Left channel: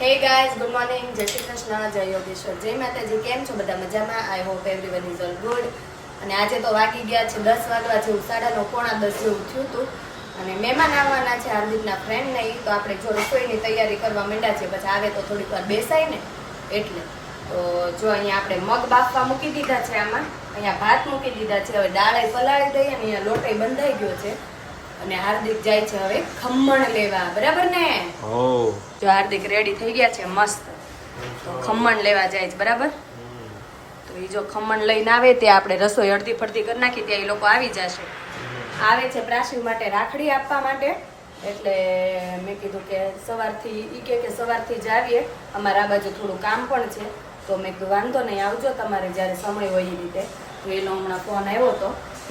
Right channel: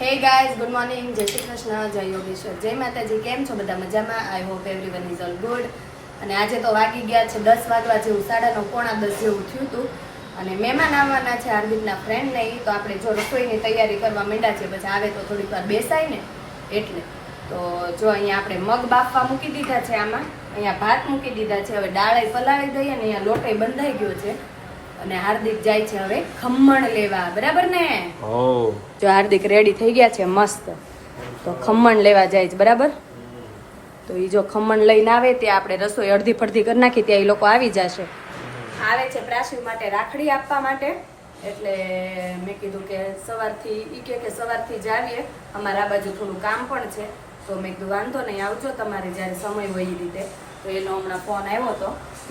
Hey guys good morning જય શ્રી કૃષ્ણ, જય યોગેશ્વર. જય માતાજી. કેમ છો બધા મજામાં? I hope everyone is all good અને આજે તો વાગી ગયા છે દસ વાગવા જેવું સાડાનો પોણા દસ જેવું થયું હતું. અને મહેમાન આવવાના છે હાર્દિકના ફ્રેન્ડ નહીં તો આપણે જો રસોઈની તૈયારી કરવા માંડ્યા છે પછી આવે તો થોડીક વાર બેસાય ને, એટલે. તો જો અહીંયા આપણે મગ બાફવા મૂકી દીધા છે આમાં. અહીંયા ભાત મૂકી દીધા છે. હવે દાળે પલાળી દઈએ અને અહીંયા લોટે બંધાઈ ગયો છે. અને હાર્દિક જાય છે હવે ખમણ લેવા. બરાબર ને? જો હાર્દિક રેડી થઈ ગયા છે મસ્ત. તો ખમણ લેવા જાય છે બરાબર? તો એ જો ખમણ લઈને આવે તે આપણે રસોઈ અડધી પડધી કરી નાખી ત્યાં એ લોકો આવી જશે. આવે છે પ્રાશિવ માટે રાખડી આપવા માટે. એટલે મેં કીધું કે સવારથી ઈ કે કે સવારથી જ આવીએ. અમારા આ બાજુ થોડું કામ પણ છે. તો મેં કીધું વાંધો નહીં આવજો તમારે જ્યારે સમય હોય એ રીતે. તો એનો હમણાં ફોન આવ્યો હતો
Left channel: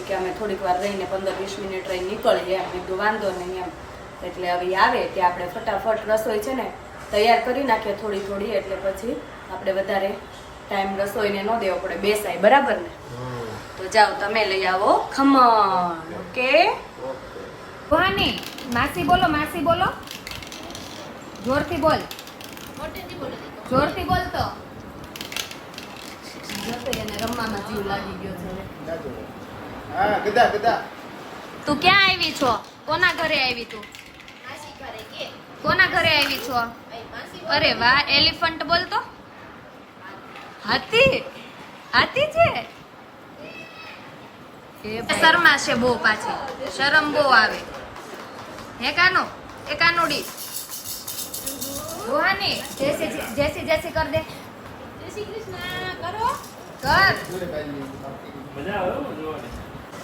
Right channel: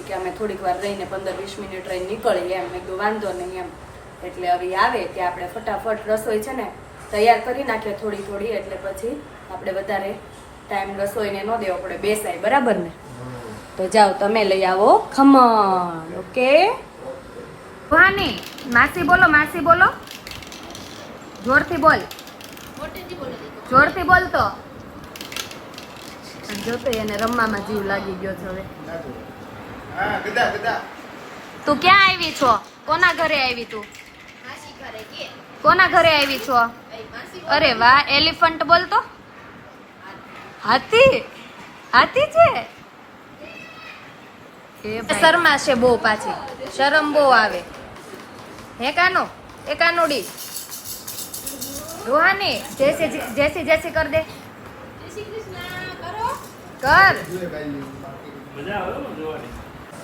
કે અમે થોડીક વાર રહીને પંદર વીસ મિનિટ રહી નીકળીએ એમ મેં કીધું વાંધો નહીં એમ. એટલે હવે આવે ત્યાં આપણે ફટાફટ રસોઈ છે ને તૈયાર કરી નાખીએ થોડી થોડી એટલે પછી આપણે વધારે ટાઈમ રસોઈને ન દેવો પડે બેસાય બરાબર ને? તો જાઓ તમે લઈ આવો. ખમણ ઓકે ભવાની માસી બોલો માસી બોલો. જોરથી બોલ. જોરથી બોલ તો. જોતો એને રમવામાં જીવ લાગી ગયો છે હવે. તું ક્યાં આવી છો? કોના ઘરે આવી તું? કોના ઘરે આવી છો? અરે વાહ એલિફન્ટ બોલતો હાથી? હાથી છે? એ શર્મા છે બહુ પાછી. શરમ બહુ આવે. હે કાનો? એ કાનુડી. રોહાની જેસી જેસી જેસી કર દે. કર.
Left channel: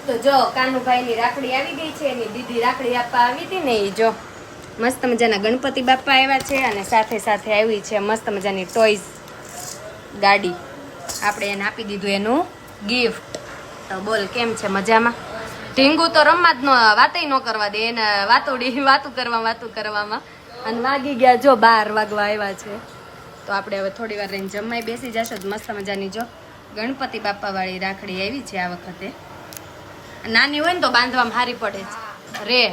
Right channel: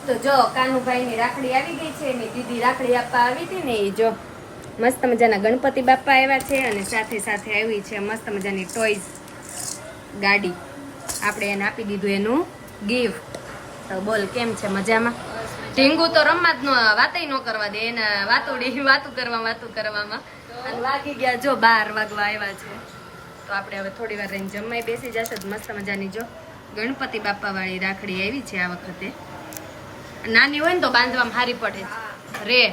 તો જો કાનુભાઈ ની રાખડી આવી ગઈ છે, એની દીદી રાખડી આપવા આવી હતી ને એ જો મસ્ત મજાના ગણપતિ બાપા આવ્યા છે અને સાથે સાથે આવી છે મસ્ત મજાની ટોયઝ ગાડી. આપણે એને આપી દીધું એનું ગિફ્ટ તો બોલ, કેમ છે મજામાં? ઢીંગુ તો રમવા જ ન, વાતય ન કરવા દે, એને વાતુડી, વાતું કરવા, વાતું કરવામાં. અને વાગી ગયા જો, બાર વાગવા આવ્યા છે. તો આપણે હવે થોડી વાર રહીને જમવાય બેસી જશો મસ્ત મજાની જો. ગણપતિ બાપા વાળી રાખડી આવી છે આ વખતે. નાની હોય ને તો બાંધવામાં હારી પડે છે રે.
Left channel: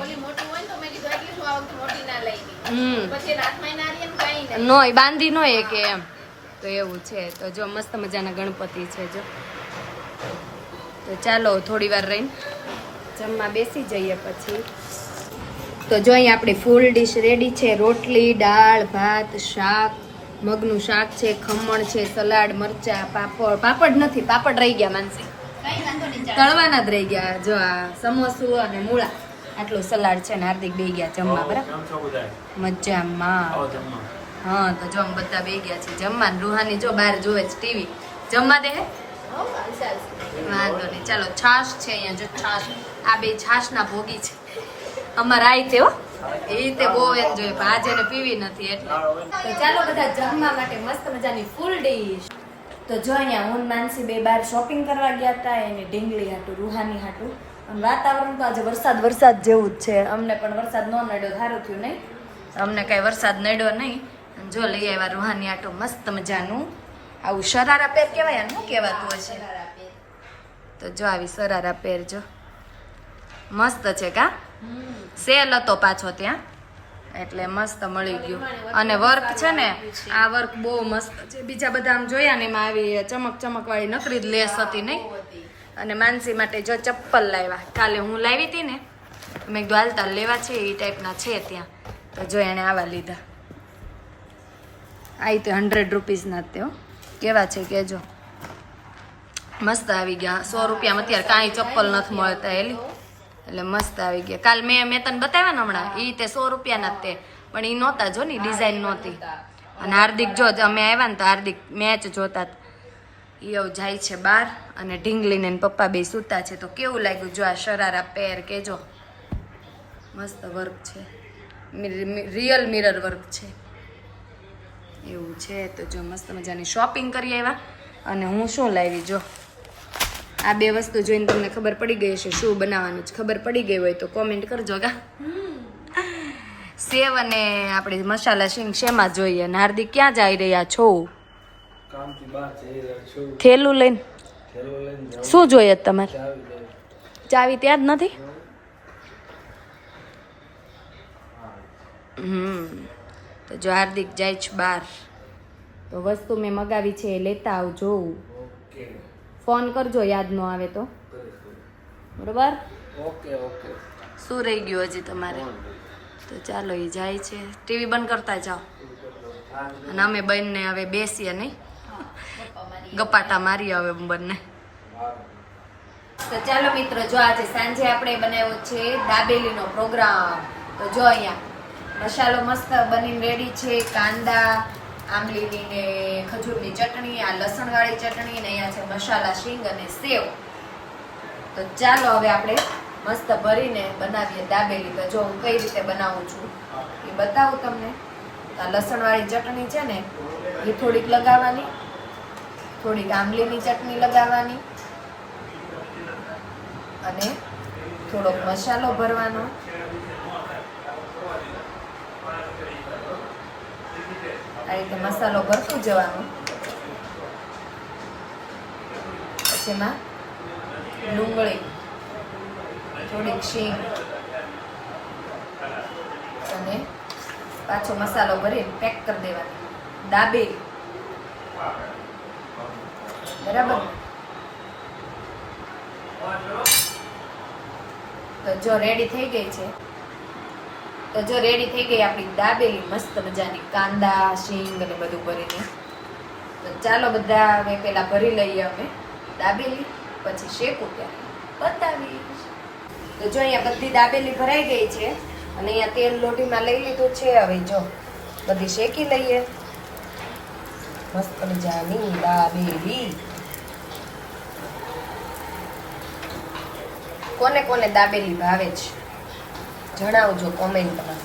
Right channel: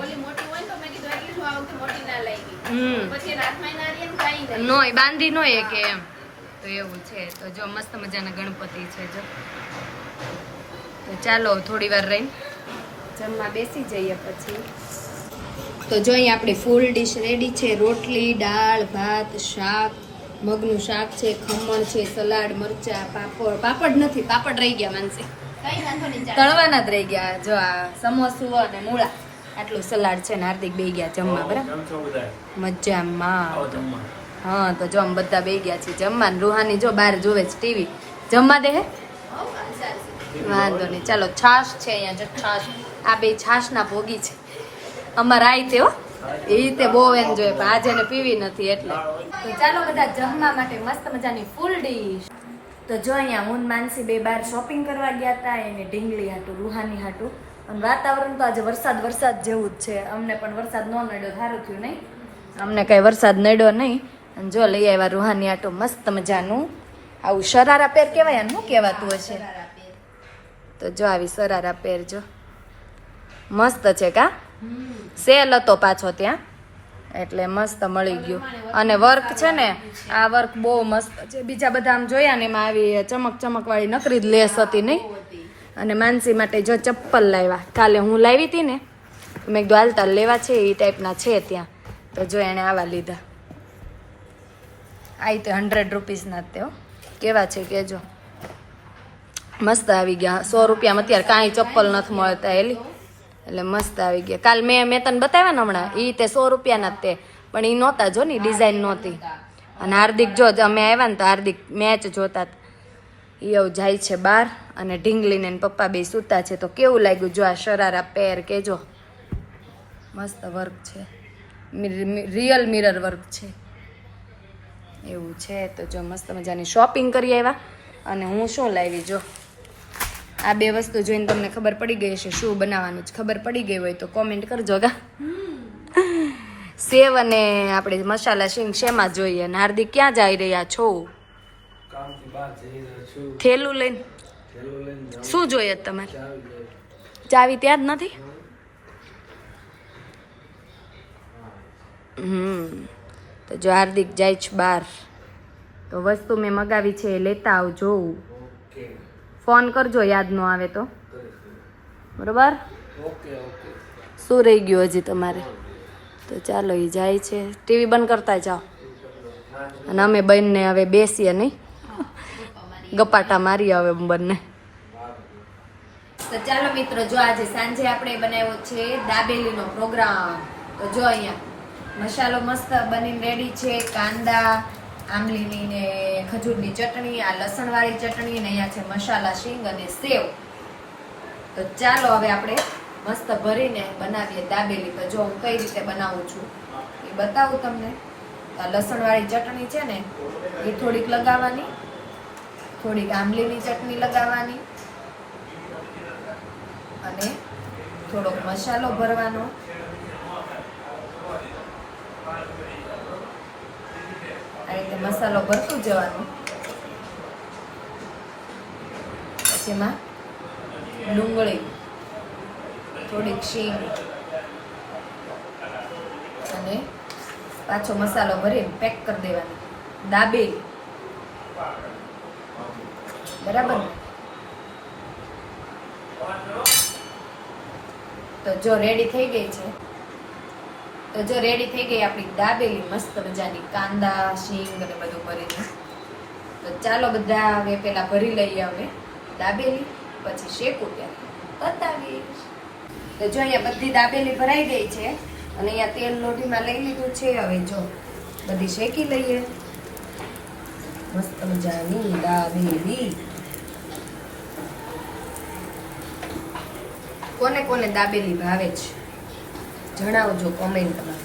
હમ. નોય બાંધી નોય કે એમ. તો એવું છે. તો જો મસ્ત મજાના ગણપતિ છે જો. તો ચાલો થોડી વાર રહીને જમવા બેસી જઈએ પછી. તો જો અહીં આપણી ફૂલ ડીશ રેડી છે. રોટલી દાળ ભાત શાક મગનું શાક છે ખમણ છે સલાડ મરચા પાપડ. પાપડ નથી પાપડ રહી ગયા માનસી. તળવાના જ રહી ગયા જો આ સમોસું અને મૂળા. આટલું સલાડ છે ને હાર્દિક બે ગયા જમવા બરાબર? મજામાં. હા તો જો આમ બધા બે ગયા છે જમવાનું રૂહાની જો બહાર જોવે છે ટીવી. જમવા દે વાંધો નહીં. ચાલો છાશ છે અહીંયા જો છાશ. આ બે છાશના ભોગી છે. અમારા આઈ તે હો. એ તે બહુ એન્જોય જોઈએ પણ આજે પીવી નથી એટલે. તો ચાલો બધા જમવા માટે મસ્ત મજાની ફૂલ ડીશ. તો જો અહીંયા હું માનસી બે બાર શોપિંગ કરવા ગયા હતા એને ઢીંગલી હાટું રૂહાની હાટું. અને વાતાવરણ તો આજે વરસાદ વરસાદ જેવું જ છે. અમને પણ વરસાદ ન નડ્યો સારું થયું નહીં. અમને કઈ વરસાદ નડ્યો નહીં. અને જો લઈ આવ્યા રૂહાની આટો મસ્ત મજાનું. આવું શરારા પેર કેવાય એમ શું કહેવાતું હશે? તો જો આવી શરારા પેર જો. મસ્ત છે કા? સેલ હતો પાછો ત્યાં. એટલે મસ્ત મળી ગયું. અને વર્ક છે ને, આ વર્ક બહુ મસ્ત છે. બીજા બધા આમ જોયા ને એમાં આવી ચમક ચમક વાળી નકરી જ લેસ હતી નહીં. અને માનસી માટે જો ચપ્પલ લેવા કાલે હું લાવી હતી ને મેં કીધું હાલતા લેવા છે, એ ટાઈપના છે ત્યાં. તો જો એણે આવા લીધા. આ તે હંડ્રેડ રૂપીસના તેઓ કેવા છે કેજો. મસ્ત આવી ગયા. સો રૂપિયામાં અત્યારે કાંઈ ચપ્પલ નથી મળતા એલી એટલે મસ્ત આવી ગયા. કાલ મેં મેં તને બતાવ્યા ને હમણાં એ તે સો રૂપિયાના તે. પણ એ નહોતા જો ને ડિઝાઇન નહોતી. અને હાર્દિક જો, જ અમે આવ્યા ને તો હાર્દિક મેચ જોતા એ હવે જાય છે બહાર અને ઢીંગલીને પપ્પા બે સૂતા છે. તો કેવું લાગ્યું? જો આ શરારા પેર કેજો. મસ્ત વર્ક છે. રિયલ મિરર વર્ક છે. એવું છે તો જો મસ્ત મજાની શોપિંગ કરી આવ્યા. અને હું શું લાવી જો? આ બે વસ્તુ જોઈને તમને ખબર પડી ગઈ હશે શું બનાવવાનું છે. ખબર પડી ગઈ હોય તો કોમેન્ટ કરજો ગા. સેવ અને આપણે મસાલા સિંગ શેમાં જોઈએ અને હાર્દિક ક્યાં જઈ રહ્યા છો? થેલું લઈને? શું જોઈએ તમારે? ચાવી ત્યાં જ નથી? હમ. તો જો હાર્દિક જાય છે બહાર. તો વસ્તુ મેં મગાવી છે એ લેતા આવજો. ફોન કરજો યાદ ન આવે તો. બરોબર? Okay okay. શું રહી ગયું હજી તમારે? તો ચાલો એ જાય છે. ટીવી બંધ કરતા જાઓ. અને અમે બંને હવે બેસીએ નહીં. ગપાટા મારીએ હવે બંને. તો ચાલો મિત્રો જો આજે સાંજે આપણે બનાવ્યો છે દાબેલીનો પ્રોગ્રામ. તો જો અહીંયા મસાલો મસ્ત બની રેડી છે કાંદા આંબલીની ને ખજૂરની ચટણી, આ લસણવાળી ચટણી ને અહીંયા છે મસાલા, શીંગ અને સેવ. તો ચાલો હવે આપણે મસ્ત ભરીને બનાવીએ દાબેલી. તો જો હું કઈ રીતે બનાવું છું એ બતાવું તમને. આ લસણવાળી ચટણી છે ને, એ થોડીક લગાવવાની. થોડીક આંબલીની ચટણી લગાવવાની. અને થોડોક મસાલો ભરવાનો. આ રીતે મસાલો ભરતું જવાનું. પછી એમાં ડુંગળી, થોડીક શીંગ અને પાછો મસાલો ભરીને પેક કરી દેવાની. દાબેલી. બરાબર? તો જો રેડી થઈ ગઈ છે. તો જો રેડી થઈ ગઈ આપણી દાબેલી મસ્ત મજાની કાંદા, શીંગ અને બધું ભરીને. તો ચાલો બધા હવે પેલા ભરી લઈએ અમે દાબેલી પછી શેકું ત્યારે. બતાવીશ તો જો અહીંયા બધી દાબેલી ભરાઈ ગઈ છે, અને અહીંયા તેલ લોઢીમાં લઈ લીધું છે, હવે જો બધી શેકી લઈએ. મસ્ત મજાની દાબેલી કોને કોને દાબેલી ભાવે છે? જણાવજો કોમેન્ટમાં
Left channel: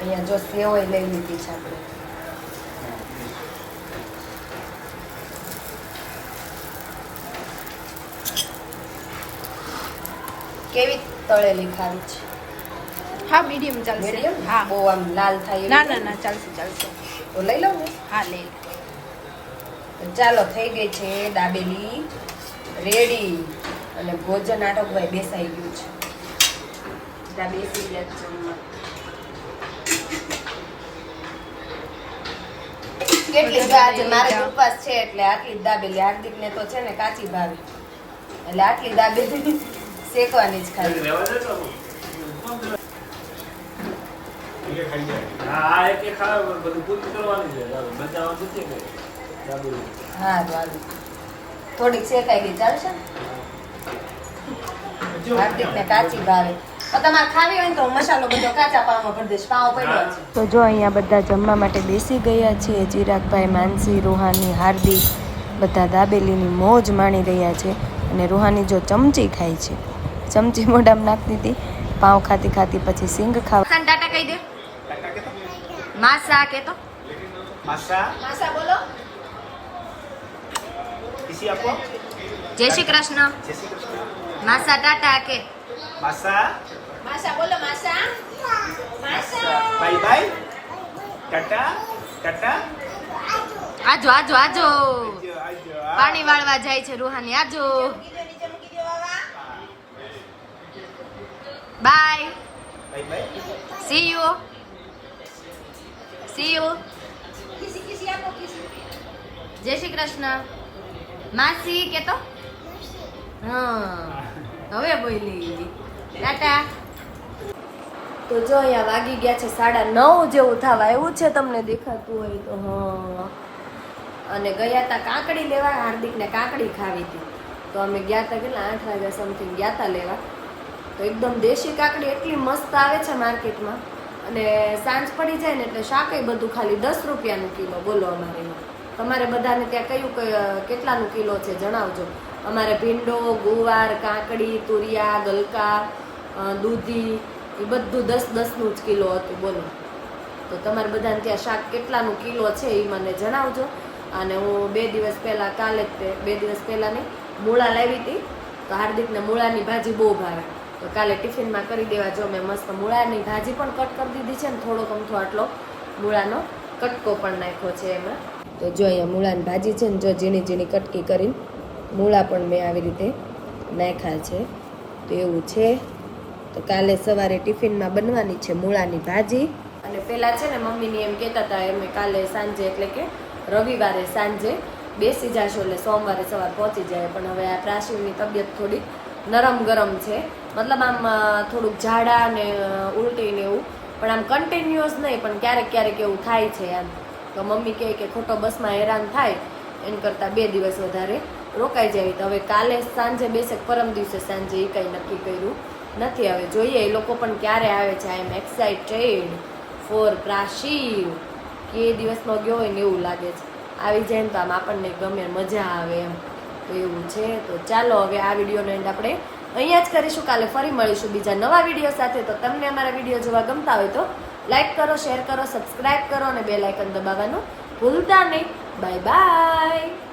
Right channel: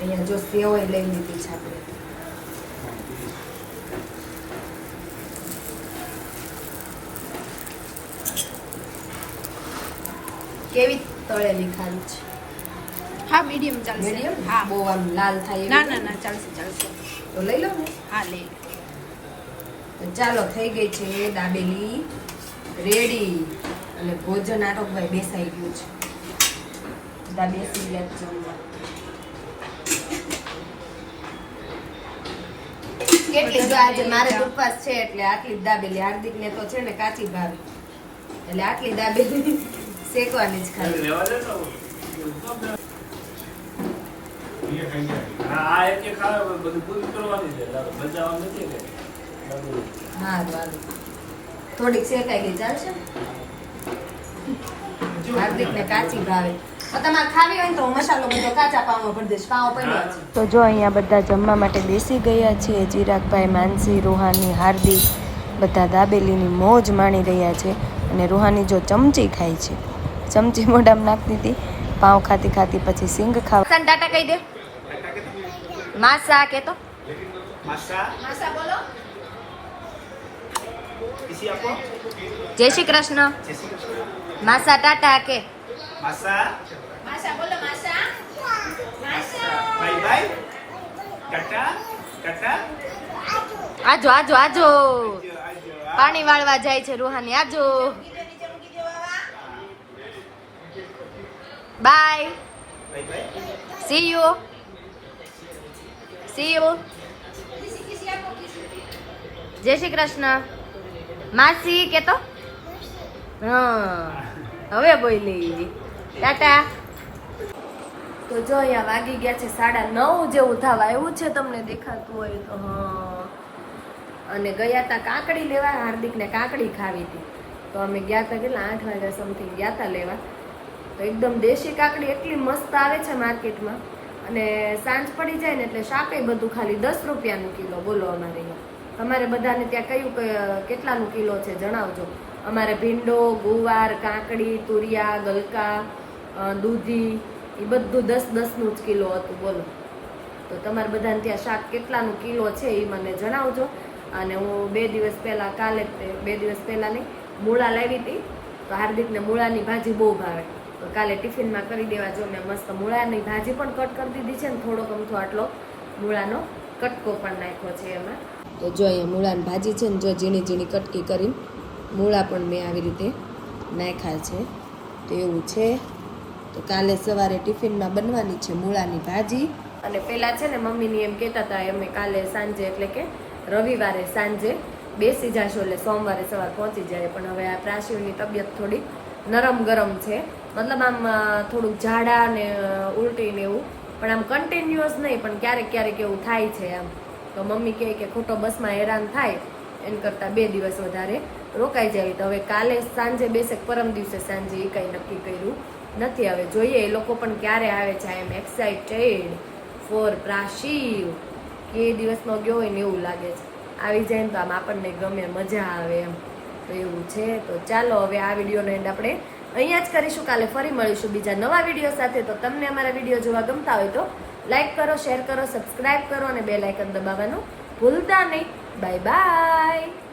અહીંયા જો સેવ લઈ લીધી છે આપણે. કેવી તળેલી ખારી છે? હા મીડિયમ ચાલશે? હા. બહુ આમ લાલ થાય ના ના ના ચાલશે ચાલશે. તો લઈ લો ને. હા લઈ લો. તો ચાલો થઈ ગઈ છે દાબેલી. રેડી અને ભોજન આટકભાઈ બેસાઈ ગયું છે બેસી ગયા કેટલી જ આજે મારે ઉપવાસ છે એટલે આટલી દાબેલી હાર્દિક ને તો છે ને કાચી ભાવી એટલે આટલી દાબેલી શેકવાની જ ખાલી તો. હા, આ એક એક ખાવ, બધું પૂરું કરવાનું છે. તારે બચાવવાનું નથી ને. દાબેલી. હા વાંધો. થોડીક શેકાઈ ગઈ ચાલશે ને હાર્દિક ને કાચી ભાવે તો તમારે ખાવી હોય ને તો મસાલો બધો કાચા પાવમાં ભરી દઈશ પાવ પડ્યો છે. તો જો અહીંયા બધા જમવા માટે બેસી ગયા છે ચિરાગભાઈ માનસી રોહાની હાર્દિક બધા દાબેલીની મોજ માણી રહ્યા છે અને રોહાની જો ચમચી ખાય છે. ચમચી મોઢામાં નાખતી હતી પાઉં ખાતી ખાતી પછી સિંગ ખાવા ટાટા કહી દે. માસા કે તો માસા બોલો. જય શ્રી કૃષ્ણ. માસા ટાટા કે? માસા. બોલો માસા. માસા. આજો આજો આજો. પાણી વાળવા જાય છે રૂહાની આજો. Bye. See you see you જય શ્રી કૃષ્ણ. માસી કે તો? હા હવે બોલી. ટાટા. તો જો અહીંયા વાગી ગયા છે સાડા નવ જેવું થવા એવું છે તમને દેખાતું હોય તો અને ગયા હતા કાકડી લેવા, હાર્દિકને કાકડી ખાવી હતી. તો અમે ગયા હતા કેટલા? આઠ વાગ્યા સમથિંગ ગયા હતા લેવા. તો એકદમ દેશી કાકડી એટલી મસ્ત આવે છે માર્કેટમાં. અને સાંજ પડી જાય ને એટલે શાકય બધું ખાલી દસ રૂપિયાનું કિલો બોલો અમારે તમારે બધાને ત્યાં કયું કેટલાનું કિલો છે જણાવજો. અમારે ભીંડો, ગુવાર, કાકડી, તુરિયા, ગલકા દૂધી, એ બધું દસ દસનું જ કિલો હતું, બોલો. તો તમારે બધાને ત્યાં શાક કેટલાનું કિલો છે એ મને જણાવજો. અને હું બે દિવસ પહેલાં કાલે જ બે દિવસ પહેલાં નહીં, મૂળા લાવી હતી. તો હાર્દિકને મૂળાની ભાજી બહુ ભાવે. તો કાલે ટિફિનમાં કરી દેવા જો મેં મસ્ત મૂળાની ભાજી પણ કટ કરી દીધી છે ને થોડોક અમથો આટલો. મૂળાનો કટકો પણ નાખ્યો છે એમાં. તો જો અહીંયા મૂળાની ભાજી છે ને જો ઝીણી ઝીણી કટકી કરીને મૂળા પણ મેં આવી રીતે નાખ્યા છે. તો એવું છે. તો કાલે સવારે ટિફિનમાં બનવાની છે મૂળાની ભાજી. અને પહેલાં છે ને મમ્મીની એમ કહેતા હતા એમ કાલે સાંજે એટલે કે રવિવારે સાંજે બેસી જશો એટલે સોમવારે સવાર પહોંચી જાય. પણ હવે આ પ્રાશિવની તબિયત થોડી નરમ ગરમ છે. મતલબ આમ થોડુંક ઝાડા ને ઉલટી ને એવું. પણ આમ કન્ટિન્યુઅસ નહીં, પણ ક્યારેક ક્યારેક એવું થાય છે આમ. તો મમ્મી કહે કે ખોટો બસમાં હેરાન થાય. એન કરતાં બે દિવસ વધારે રોકાઈ જવી તો હવે કાલે સાંજે બેસે પરમ દિવસે સાંજે એ કંઈ નક્કી કર્યું નથી. હવે જોઈએ, એ લોકો પણ ક્યારે આવે છે? આઈ એમ એક્સાઇટેડ ફોર પ્રાશિવ કે દિવસનો ગયો હોય ને એવું લાગે છે. આવી જાય ને તો આમ આપણને ગમે, મજા આવે એમ. તો એવું છે. તો ચાલો હવે આ વિડીયોનો એન્ડ આપણે અહીંયા જ કરીશું. કાલે ફરી મળીશું બીજા નવા વીડિયો સાથે. તો તમને અમારા વીડિયો જોવા ગમતા હોય તો લાઇક કરો શેર કરો સબસ્ક્રાઇબ કરો અને બે લાઇકન દબાવવાનું ભૂલતા નહીં. Bye bye